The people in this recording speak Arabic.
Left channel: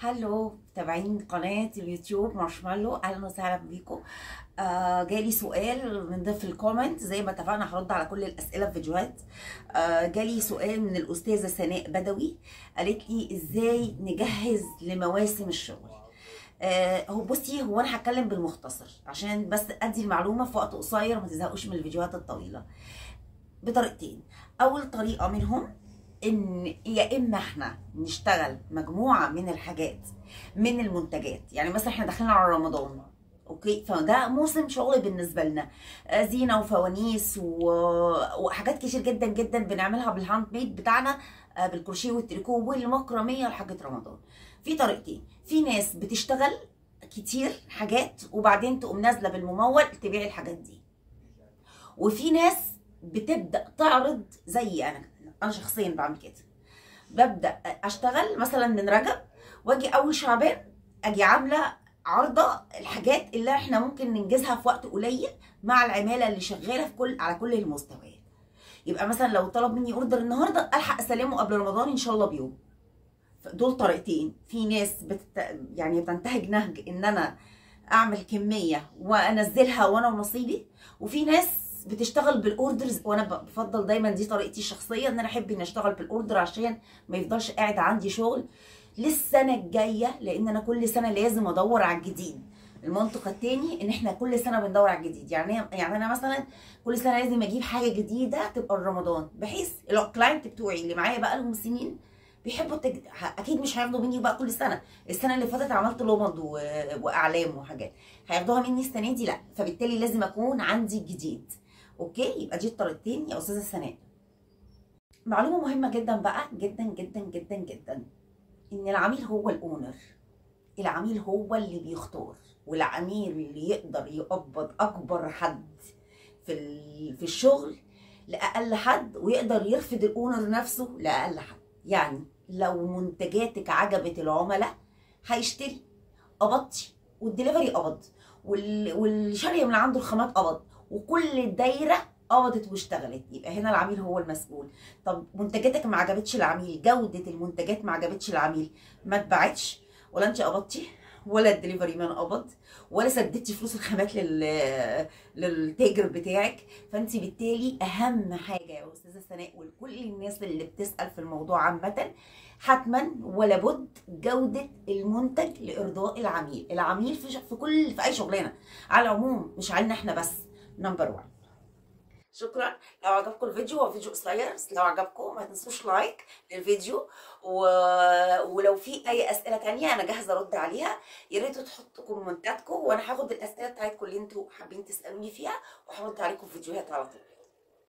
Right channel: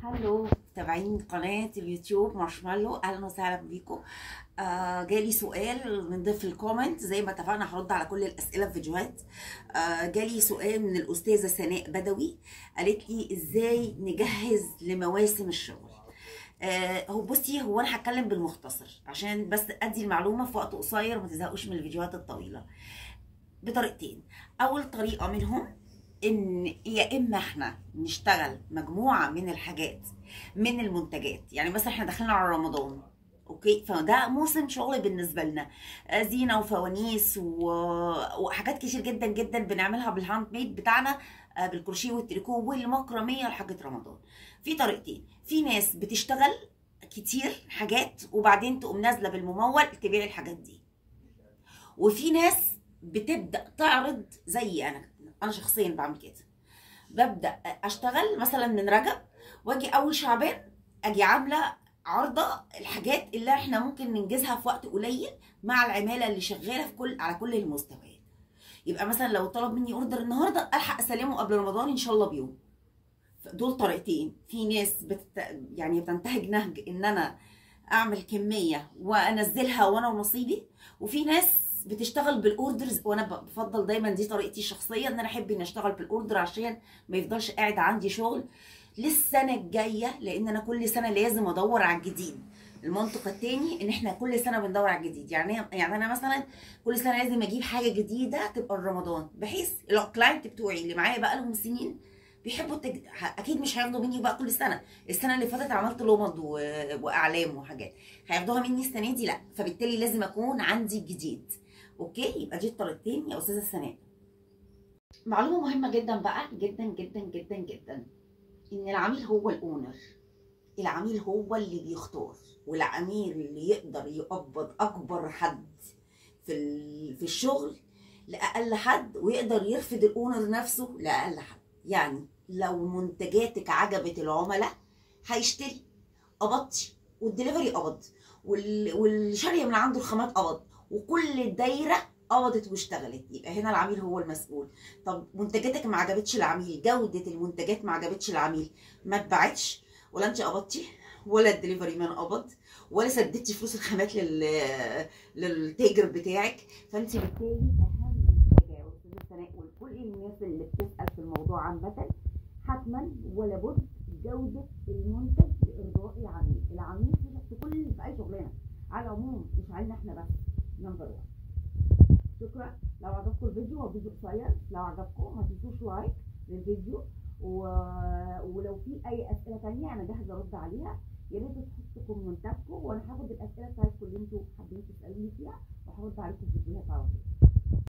هلو متابعين قناة اليوتيوب مارشميلو، اهلا وسهلا بيكم. جالي سؤال من ضمن الكومنت، زي ما اتفقنا هرد على كل الاسئله في فيديوهات. جالي سؤال من الاستاذه سناء بدوي، قالت لي ازاي نجهز لمواسم الشغل. هو انا هتكلم بالمختصر عشان بس ادي المعلومه في وقت قصير، ما تزهقوش من الفيديوهات الطويله. بطريقتين. اول طريقه منهم ان يا اما احنا نشتغل مجموعه من الحاجات من المنتجات، يعني مثلا احنا داخلين على رمضان، اوكي، فده موسم شغل بالنسبه لنا، زينه وفوانيس وحاجات كتير جدا جدا بنعملها بالهاند ميد بتاعنا، بالكروشيه والتريكو والمكرميه لحاجه رمضان. في طريقتين، في ناس بتشتغل كتير حاجات وبعدين تقوم نازله بالممول تبيع الحاجات دي، وفي ناس بتبدا تعرض زي انا شخصيا بعمل كده. ببدا اشتغل مثلا من رجب، واجي اول شعبان اجي عامله عارضه الحاجات اللي احنا ممكن ننجزها في وقت قليل مع العماله اللي شغاله في على كل المستويات. يبقى مثلا لو طلب مني اوردر النهارده الحق اسلمه قبل رمضان ان شاء الله بيوم. دول طريقتين. في ناس يعني بتنتهج نهج ان انا اعمل كميه وانزلها وانا ونصيبي، وفي ناس بتشتغل بالاوردرز، وانا بفضل دايما دي طريقتي الشخصيه، ان انا احب اني اشتغل بالاوردر عشان ما يفضلش قاعد عندي شغل للسنه الجايه، لان انا كل سنه لازم ادور على الجديد. المنطق التاني ان احنا كل سنه بندور على الجديد، يعني انا مثلا كل سنه لازم اجيب حاجه جديده تبقى رمضان، بحيث الكلاينت بتوعي اللي معايا بقى لهم سنين بيحبوا اكيد مش هياخدوا مني بقى كل سنه. السنه اللي فاتت عملت لمض واعلام وحاجات، هياخدوها مني السنه دي لا، فبالتالي لازم اكون عندي جديد. اوكي، يبقى دي الطريقتين يا استاذه سناء. معلومه مهمه جدا بقى، جدا جدا جدا جدا، ان العميل هو الاونر. العميل هو اللي بيختار، والعميل اللي يقدر يقبض اكبر حد في الشغل لاقل حد، ويقدر يرفض الاونر نفسه لاقل حد. يعني لو منتجاتك عجبت العملاء هيشتري، قبضتي، والدليفري قبض، والشاريه من عنده الخامات قبض، وكل الدايره قبضت واشتغلت، يبقى هنا العميل هو المسؤول. طب منتجاتك ما عجبتش العميل، جوده المنتجات ما عجبتش العميل، ما اتباعتش، ولا انت قبضتي، ولا الدليفري مان قبض، ولا سددتي فلوس الخامات للتاجر بتاعك، فانت بالتالي اهم حاجه يا استاذه سناء ولكل الناس اللي بتسال في الموضوع عامه، حتما ولا بد جوده المنتج لارضاء العميل. العميل في اي شغلانه على العموم، مش علينا احنا بس، نمبر 1. شكرا. لو عجبكم الفيديو، هو فيديو قصير بس لو عجبكم ما تنسوش لايك للفيديو، ولو في اي اسئله تانية انا جاهزه ارد عليها. يا ريت تحطوا كومنتاتكم، وانا هاخد الاسئله بتاعتكم اللي انتوا حابين تسالوني فيها وهرد عليكم في فيديوهات على طول.